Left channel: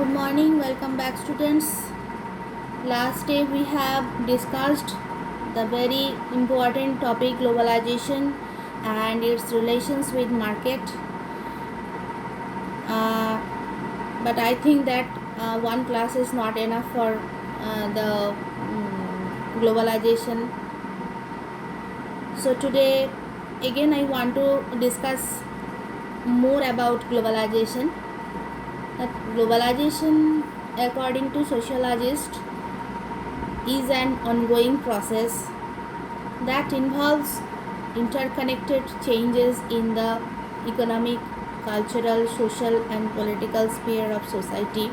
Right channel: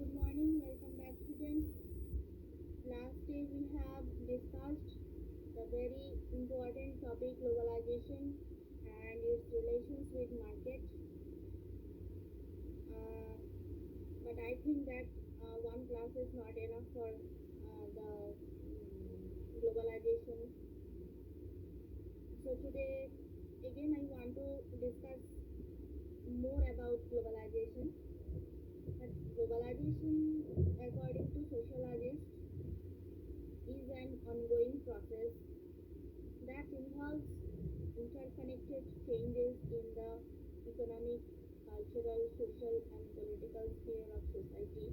Good morning, welcome back students. Last day we have discussed the very important topic globalization and its relations with market. But I think that one class is not enough for the globalization. So today again I want to discuss more about globalization. That globalization, according to sociologists, is an ongoing process that involves interconnected changes in the economic, cultural, social, and political sphere of society.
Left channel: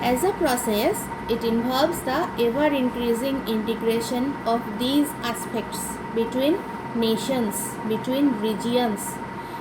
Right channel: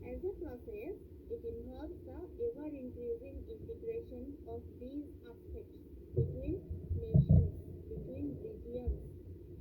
As a process, it involves the ever increasing integration of these aspects between nations, between regions,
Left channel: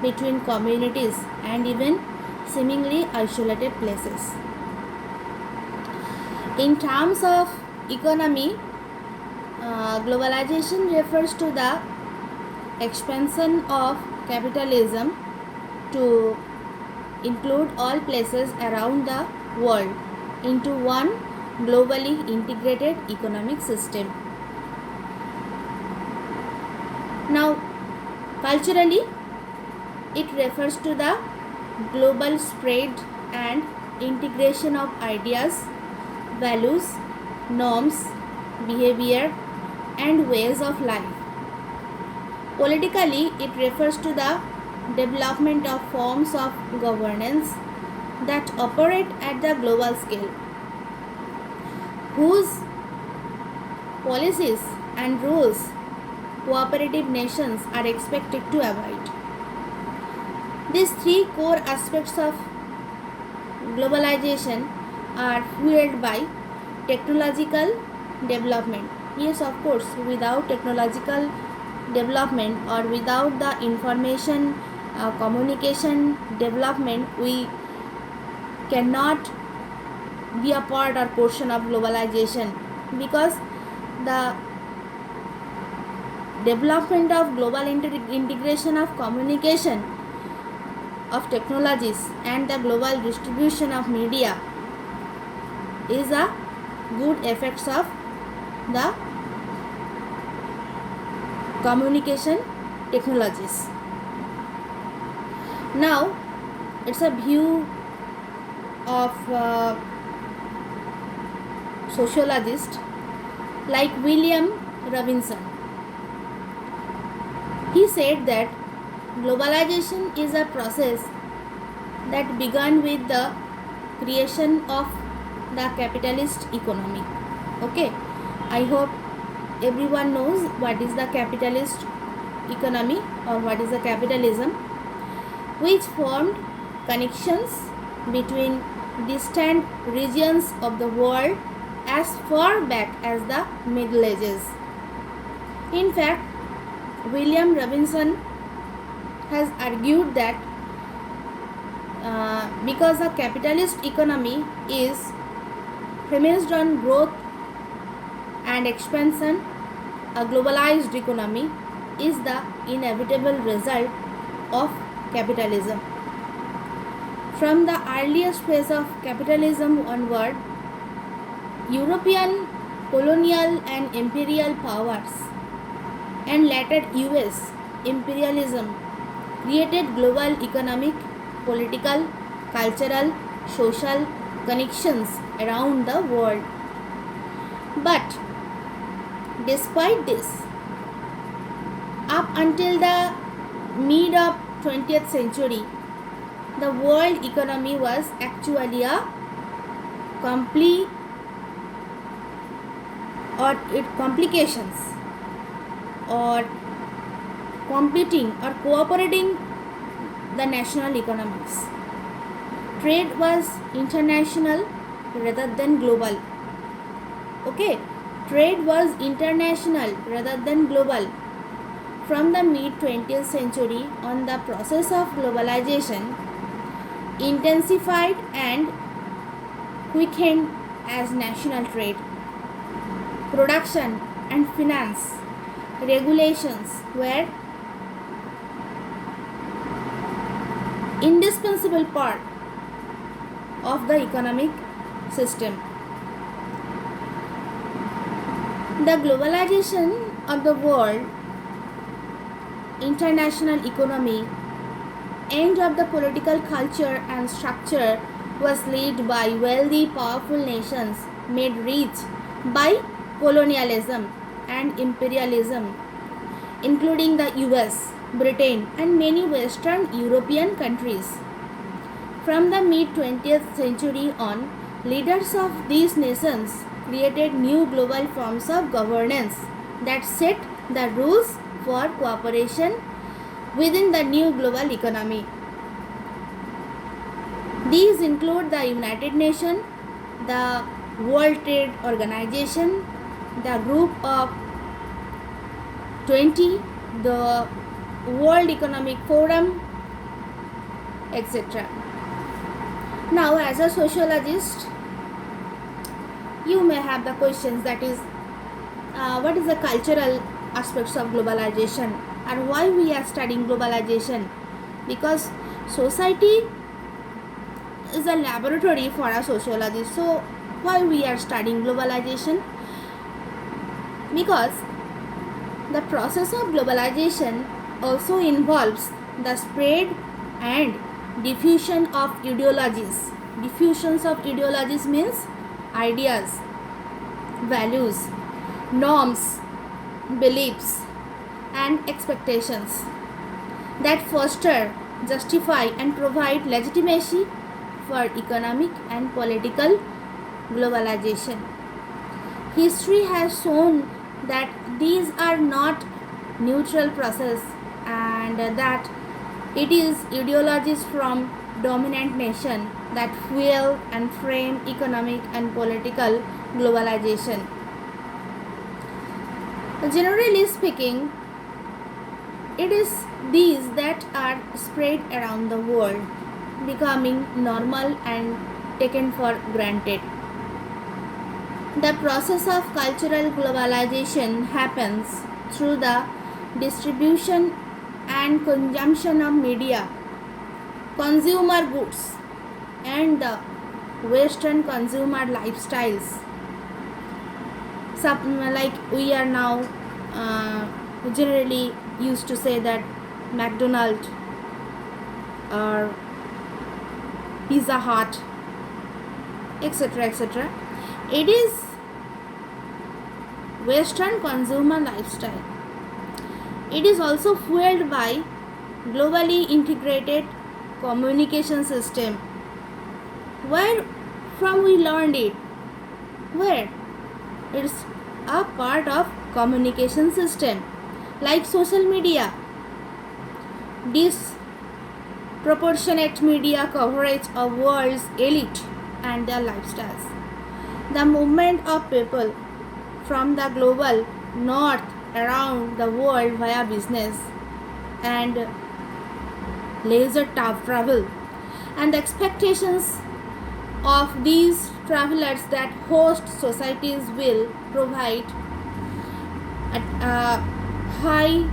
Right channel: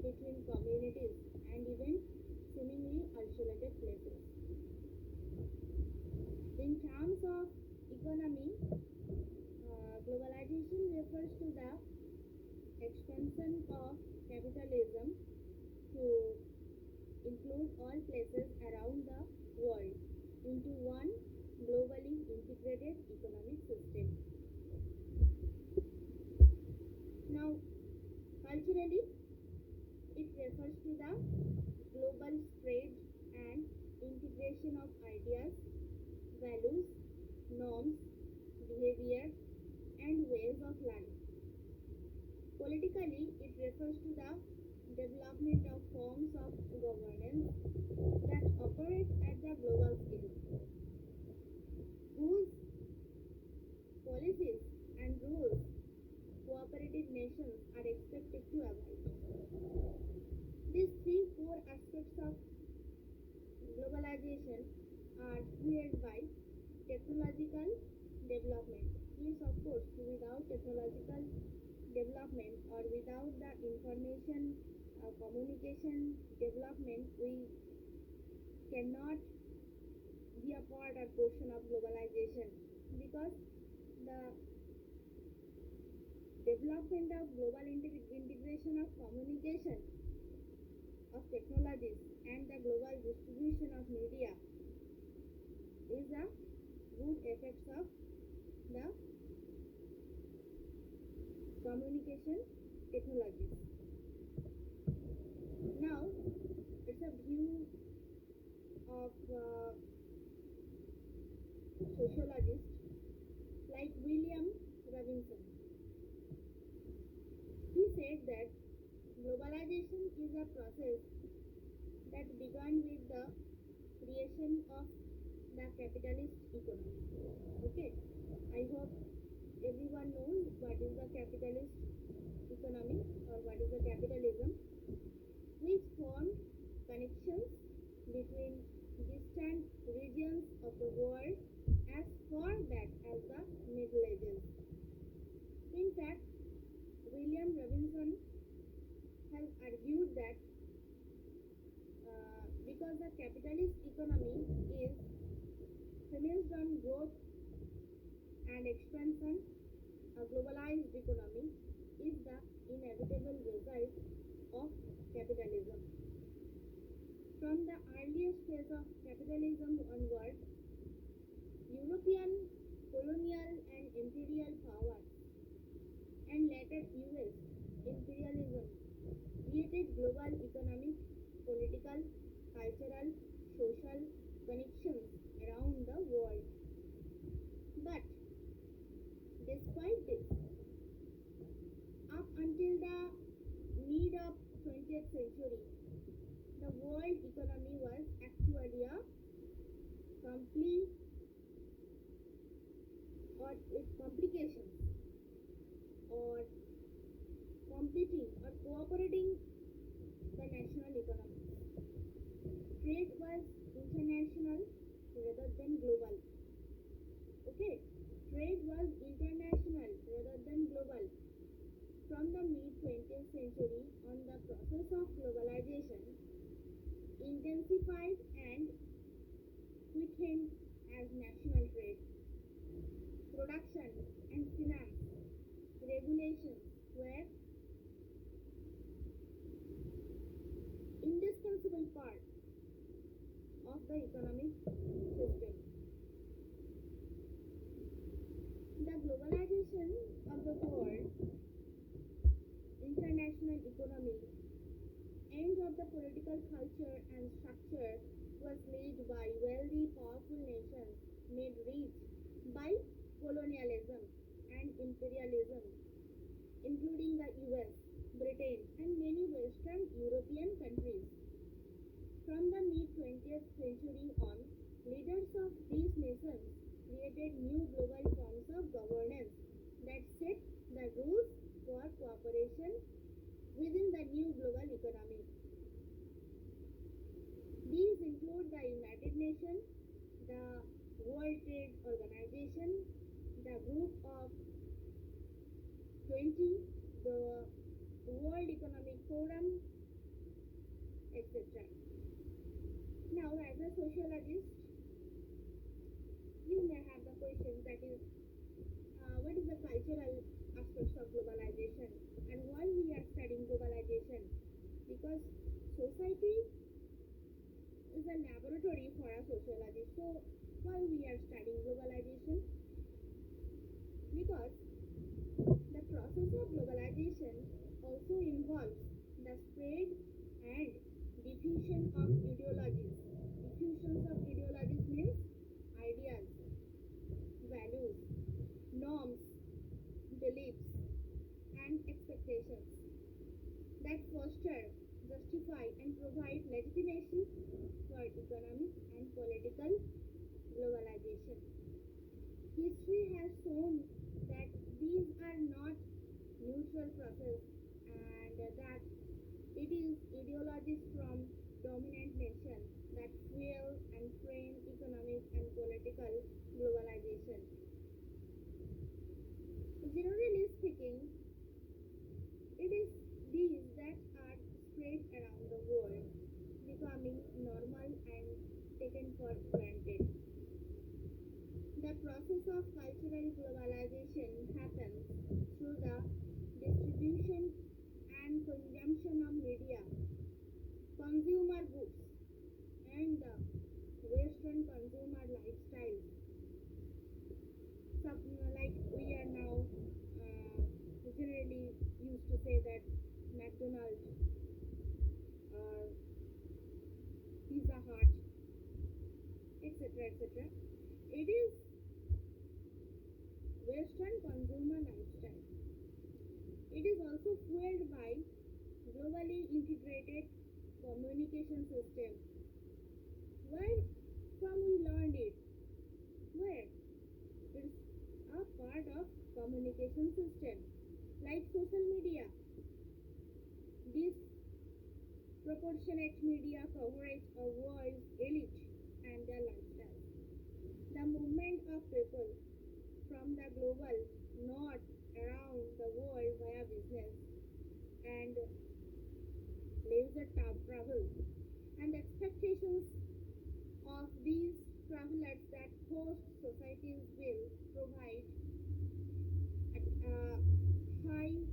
between communities, and even seemingly isolated places. In terms of economy, globalization refers to the expansion of capitalism to include all places around the world into one globally integrated economic system. Now, culturally, it refers to the global spread and integration of ideas, values, norms, behavior, and ways of life. Politically, it refers to the development of forms of governance that operate at the global scale, whose policies and rules cooperative nations are expected to abide. These three core aspects of globalization are fueled by technological development. Yes, of course, without technological development or without the information communication development, we cannot be a part or portion of globalization, because the development of global integration of communication of technologies and the global distribution of media is a good effects of the communication technologies. Now it's a view of sociologist like William Robinson. He said that globalization is a process that began with the creation of the capitalist economy. Okay, I hope everyone knows what is the capitalist economy or what is the capitalism, which formed connections between distant regions of the world as far back as the Middle Ages. In fact, William Robinson has argued that because the capitalist economy is premised on growth and expansion, a globalized economy is the inevitable result of capitalism. From the earliest phase of capitalism onward, European colonial and imperial powers and later US imperialism created global economic, political, cultural, social connections around the world. But despite this, up until the mid of 20th century, the world economy was actually a complete or its complications or competing or cooperating the national economics. Trade was international rather than global. Okay, trade was international rather than global. From the mid 20th century on, the process of globalization intensified and quickened as national trade, production and finance regulations were indispensable part of the economic system. The globalization of the world, international economy, and of the political culture and structure was led by wealthy, powerful nations made rich by colonialism and imperialism, including the US, Britain, and many Western European countries. From the mid 20th century on, leaders of these nations created new global forms of governance that set the rules for cooperation within the new global economy. These include the United Nations, the World Trade Organization, the Group of 20, the World Economic Forum, etc. Now, as a sociologist, you may have the questions that is, what is the cultural aspects of globalization and why we are studying globalization? Because society is a laboratory for a sociologist. So, why we are studying globalization? Because the process of globalization also involves the spread and diffusion of ideologies. Diffusions of ideologies means ideas, values, norms, beliefs, and expectations that foster, justify, and provide legitimacy for economic and political globalization. History has shown that these are not neutral process and that it is ideologies from dominant nation that fuel and frame economic and political globalization. Generally speaking, it is these that are spread around the world, becoming normal and taken for granted. The process of cultural globalization happens through the distribution and consumption of media, consumer goods, and the Western consumer lifestyles. Like we are now generally used to say that McDonald's or Pizza Hut, etc., etc. It is Western consumer lifestyle. It is also fueled by globally integrated communication system. Where from we learned it? Where? It's a part of communication system like social media, disproportionate media coverage of world's elite and their lifestyles. The movement of people from the global north around the world via business and leisure travel, and the expectations of these travelers that host societies will provide a high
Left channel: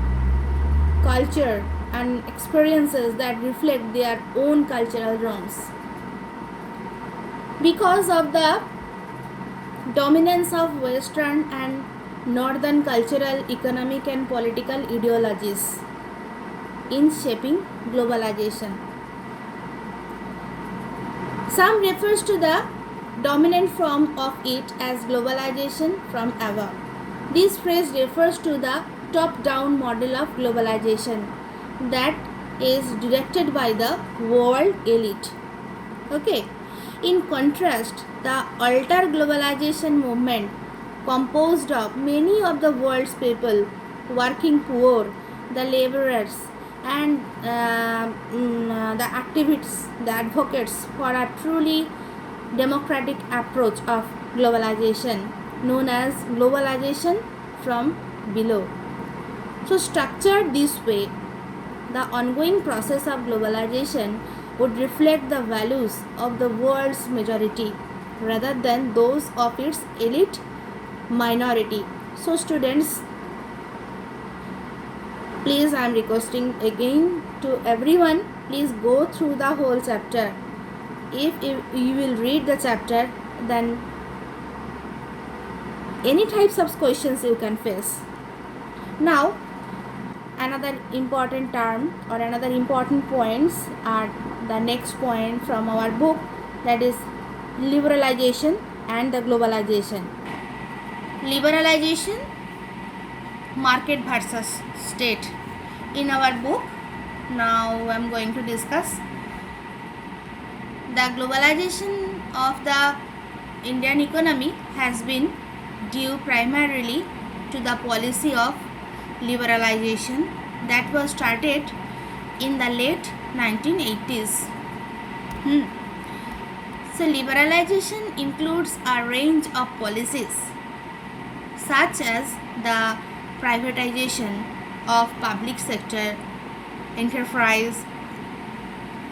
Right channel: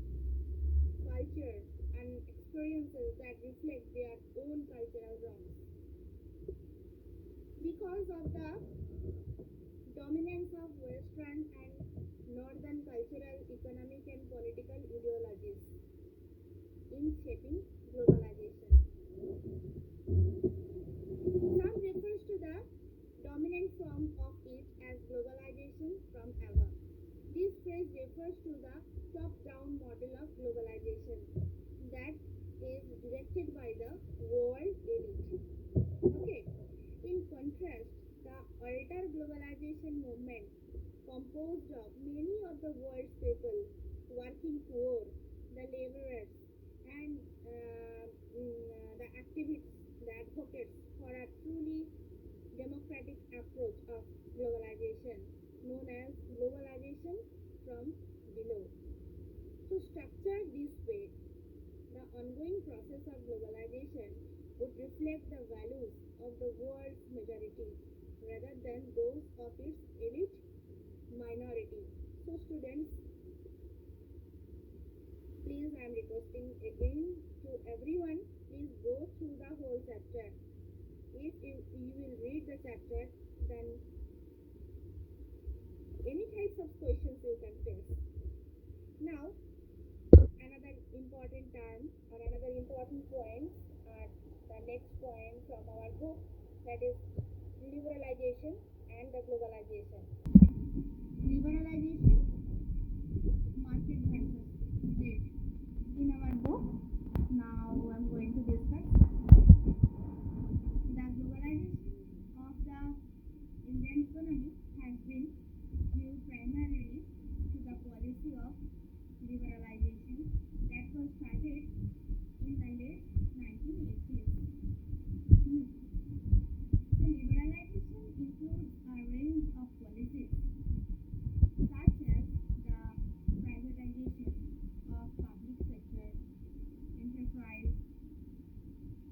culture and experiences that reflect their own cultural norms. Because of the dominance of Western and Northern cultural, economic, and political ideologies in shaping globalization. Some refers to the dominant form of it as globalization from above. This phrase refers to the top-down model of globalization that is directed by the world elite. Okay. In contrast, the alter globalization movement, composed of many of the world's people, working poor, the laborers, and the activists, the advocates for a truly democratic approach of globalization, known as globalization from below. So, structured this way, the ongoing process of globalization would reflect the values of the world's majority rather than those of its elite minority. So students, please, I am requesting again to everyone, please go through the whole chapter if you will read the chapter, then any types of questions you can face. Now, another important term or another important points are the next point from our book, that is liberalization and the globalization. Liberalization, market versus state. In our book, now I am going to discuss the globalization of the Indian economy has been due primarily to the policy of liberalization that was started in the late 1980s. So liberalization includes a range of policies such as the privatization of public sector enterprise,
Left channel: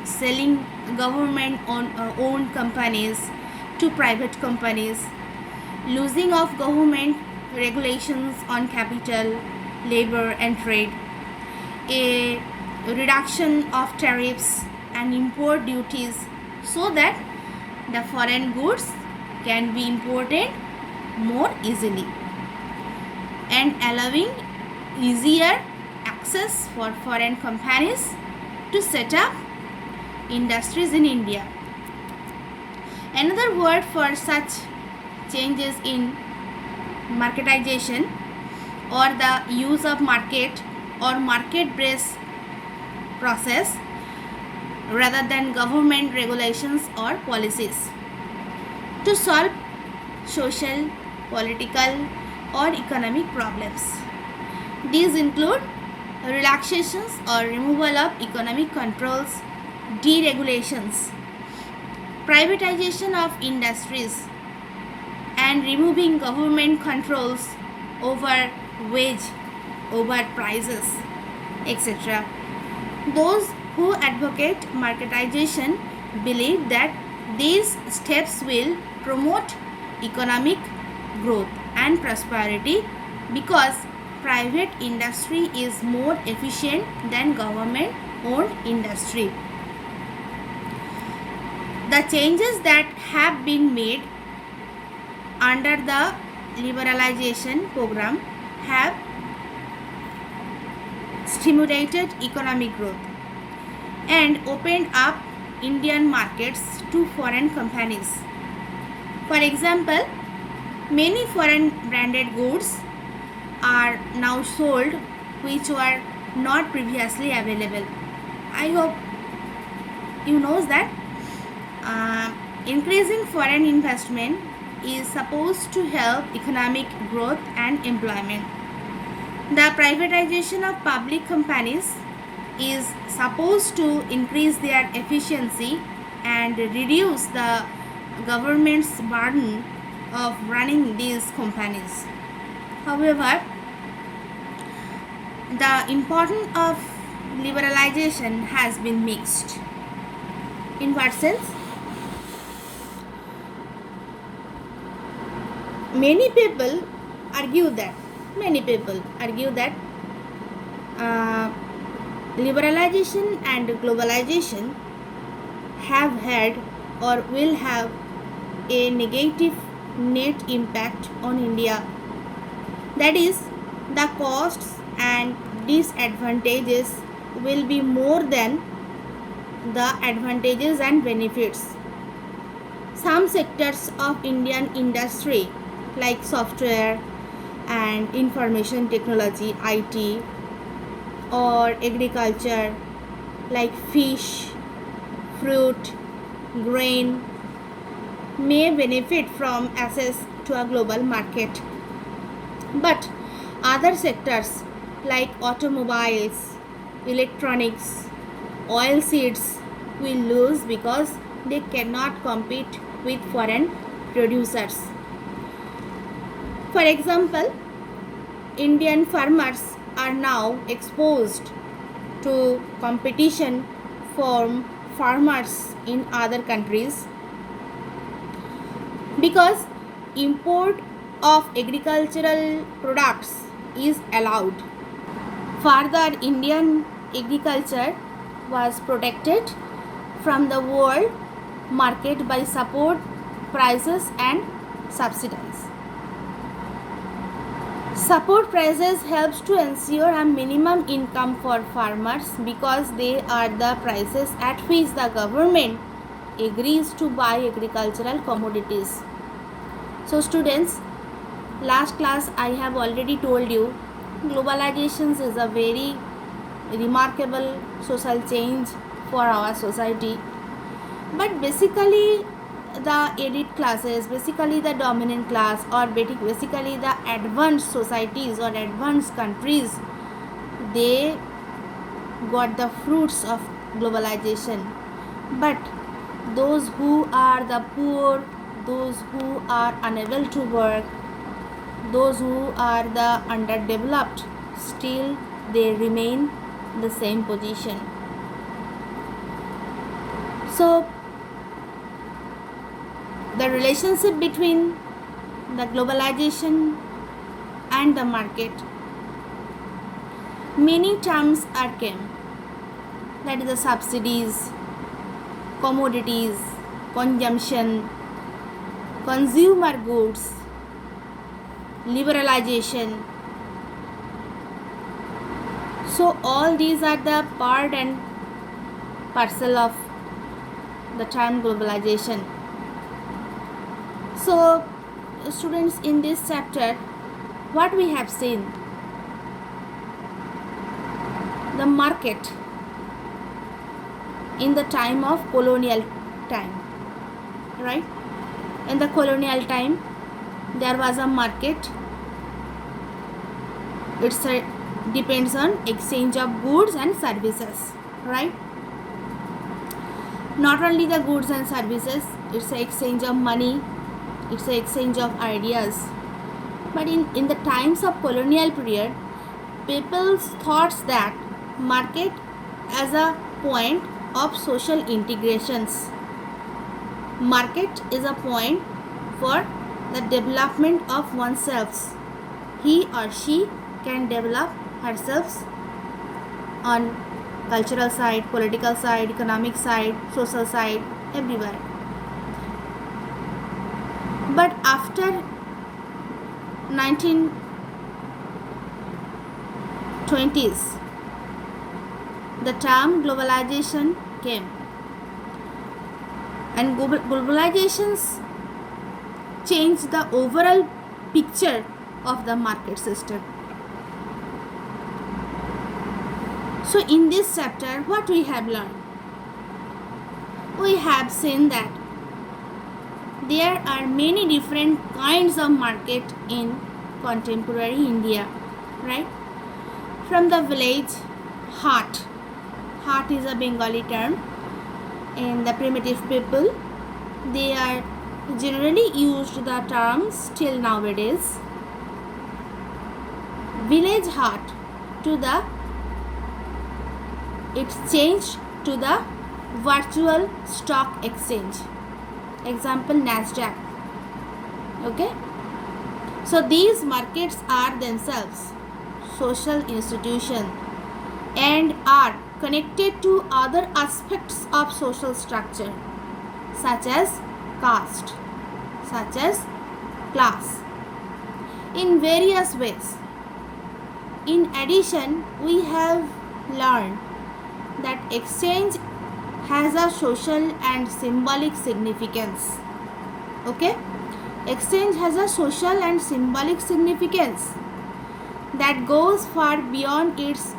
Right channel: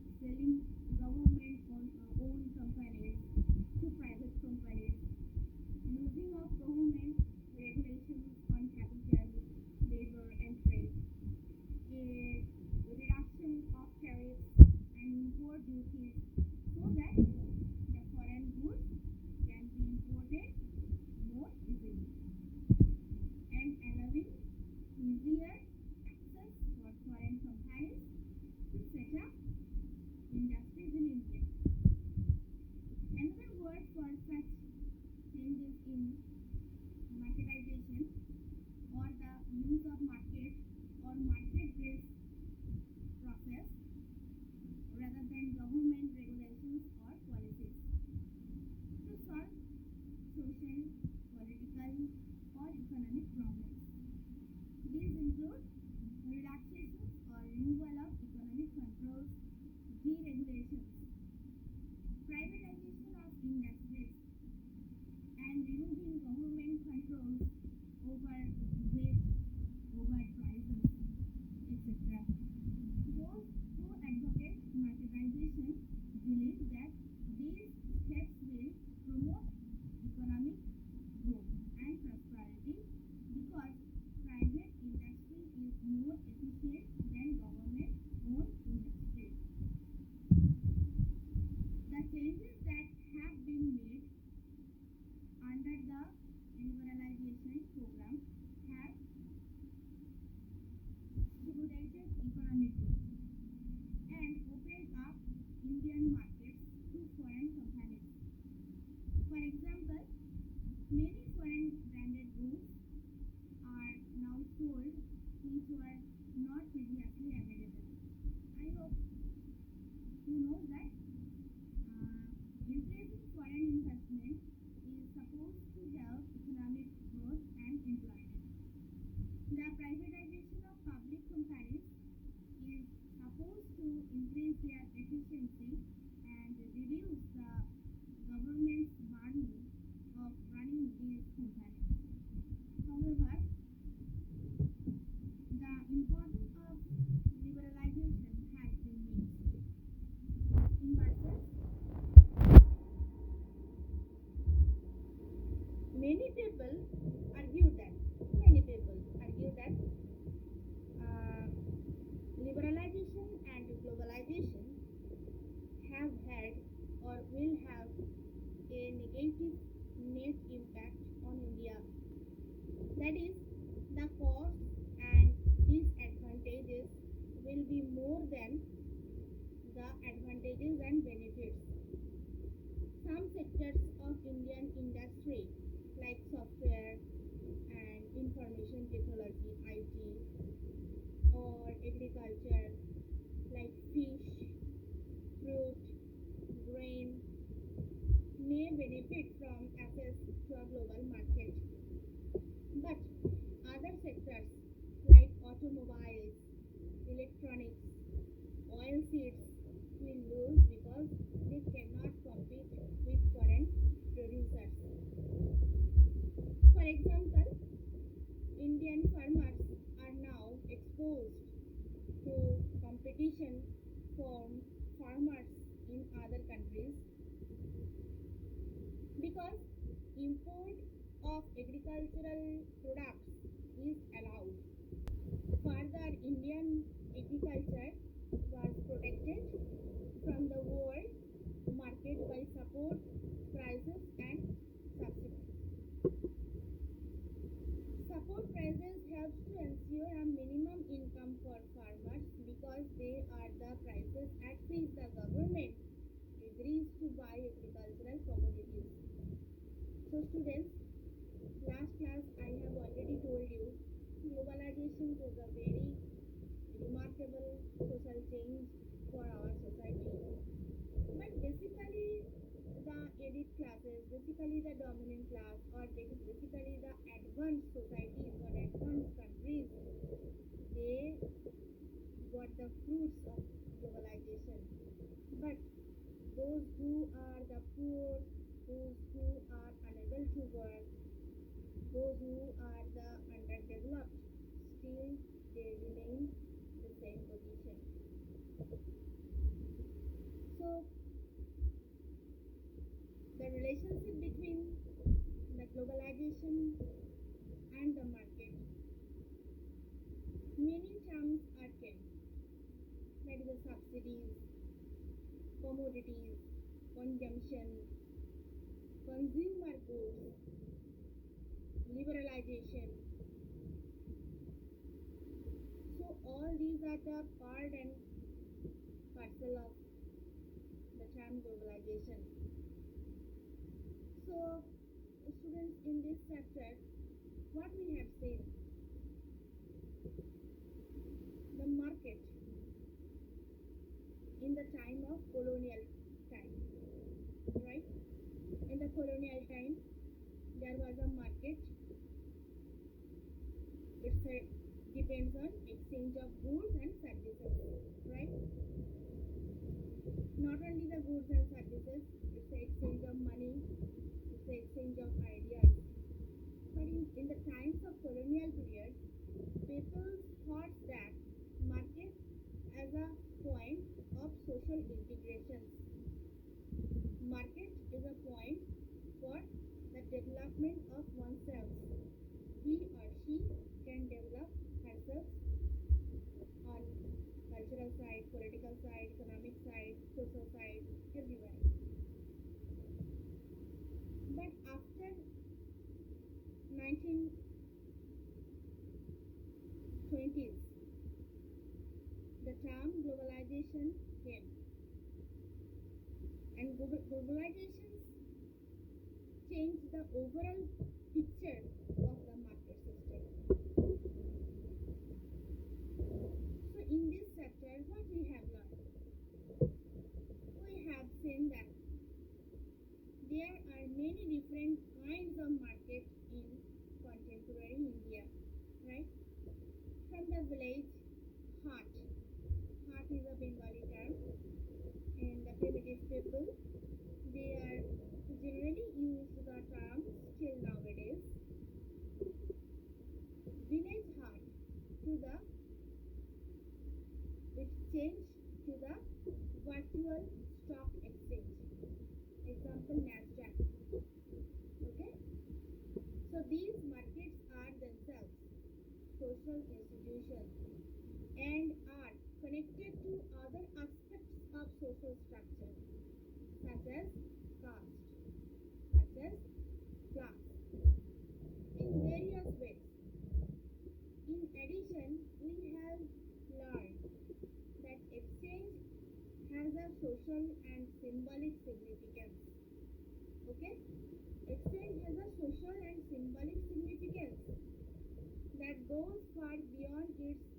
selling government owned companies to private companies, losing of government regulations on capital, labor and trade, a reduction of tariffs and import duties so that the foreign goods can be imported more easily, and allowing easier access for foreign companies to set up industries in India. Another word for such changes in marketization or the use of market or market-based process rather than government regulations or policies to solve social, political or economic problems. These include relaxations or removal of economic controls, deregulations, privatization of industries, and removing government controls over wage, over prices, etc. Those who advocate marketization believe that these steps will promote economic growth and prosperity because private industry is more efficient than government owned industry. The changes that have been made under the liberalization program have stimulated economic growth and opened up Indian markets to foreign companies. For example, many foreign branded goods are now sold which were not previously available. I hope you know that increasing foreign investment is supposed to help economic growth and employment. The privatization of public companies is supposed to increase their efficiency and reduce the government's burden of running these companies. However, the importance of liberalization has been mixed. In what sense? Many people argue that liberalization and globalization have had or will have a negative net impact on India. That is, the costs and disadvantages will be more than the advantages and benefits. Some sectors of Indian industry like software and information technology IT or agriculture like fish, fruit, grain may benefit from access to a global market. But other sectors like automobiles, electronics, oil seeds will lose because they cannot compete with foreign producers. For example, Indian farmers are now exposed to competition from farmers in other countries because import of agricultural products is allowed. Further, Indian agriculture was protected from the world market by support prices and subsidize. Support prices helps to ensure a minimum income for farmers because they are the prices at which the government agrees to buy agricultural commodities. So students, last class I have already told you globalization is a very remarkable social change for our society, but basically the elite classes, basically the dominant class, or basically the advanced societies or advanced countries, they got the fruits of globalization. But those who are the poor, those who are unable to work, those who are the underdeveloped, still they remain the same position. So the relationship between the globalization and the market, many terms are came, that is the subsidies, commodities, consumption, consumer goods, liberalization. So all these are the part and parcel of the term globalization. So students, in this chapter what we have seen, the market in the time of colonial time, right? In the colonial time there was a market. It's a depends on exchange of goods and services, right? Not only the goods and services, it's an exchange of money, it's an exchange of ideas. But in the times of colonial period, people's thoughts that market as a point of social integrations. Market is a point for the development of oneself. He or she can develop herself on cultural side, political side, economic side, social side, everywhere. But after 1920s, the term globalization came, and globalizations changed the overall picture of the market system. So in this chapter what we have learned? We have seen that there are many different kinds of market in contemporary India, right? From the village, hut is a Bengali term, and the primitive people, they are generally used the terms till nowadays. Village hut to the, it's changed to the virtual stock exchange, example Nasdaq. Okay, so these markets are themselves social institutions and are connected to other aspects of social structure such as caste, such as class, in various ways. In addition, we have learned that exchange has a social and symbolic significance. Okay, exchange has a social and symbolic significance that goes far beyond its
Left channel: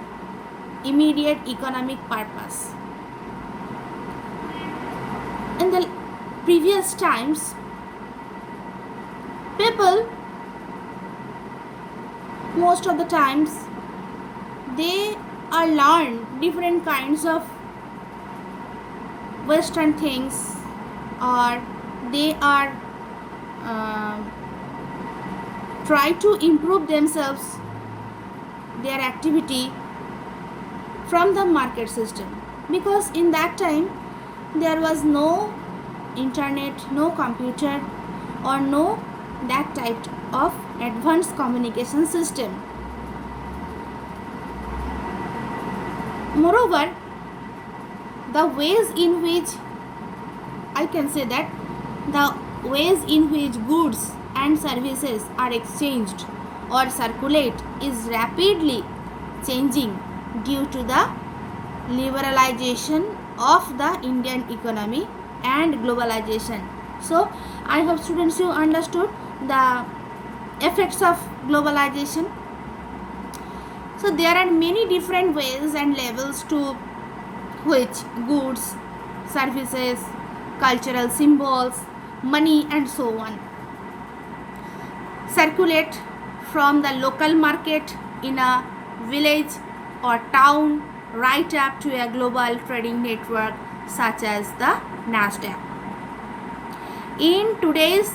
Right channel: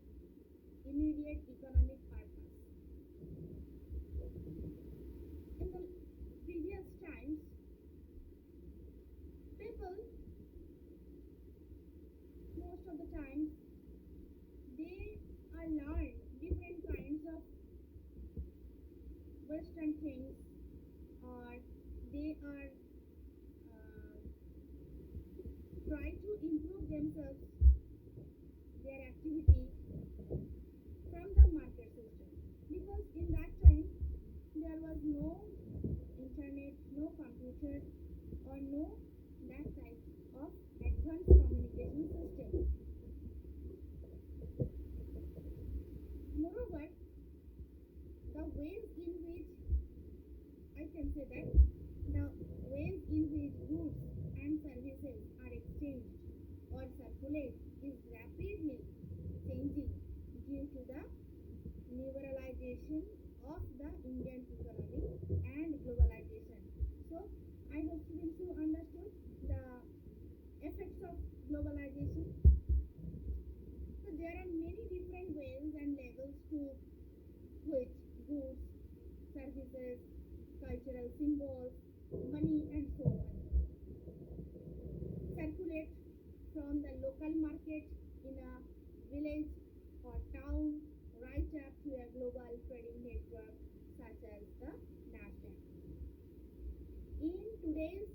immediate economic purpose. In the previous times, people, most of the times, they are learn different kinds of western things, or they are try to improve themselves, their activity from the market system, because in that time there was no internet, no computer, or no that type of advanced communication system. Moreover, the ways in which I can say that the ways in which goods and services are exchanged or circulate is rapidly changing due to the liberalization of the Indian economy and globalization. So I hope students you understood the effects of globalization. So there are many different ways and levels to which goods, services, cultural symbols, money and so on circulate from the local market in a village or town right up to a global trading network such as the Nasdaq. In today's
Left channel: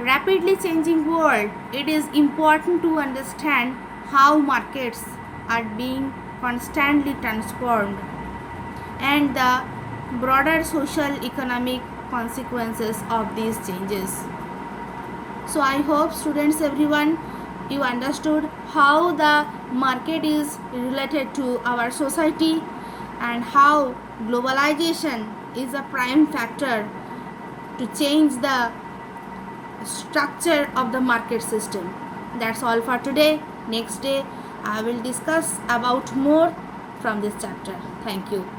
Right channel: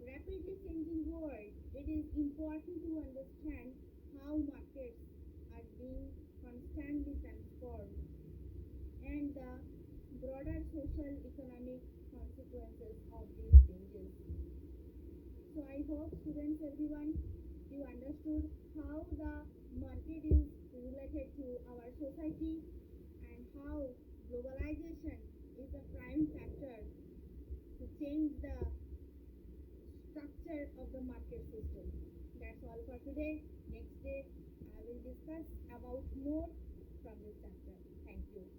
rapidly changing world, it is important to understand how markets are being constantly transformed and the broader social economic consequences of these changes. So I hope students everyone you understood how the market is related to our society and how globalization is a prime factor to change the structure of the market system. That's all for today. Next day I will discuss about more from this chapter. Thank you.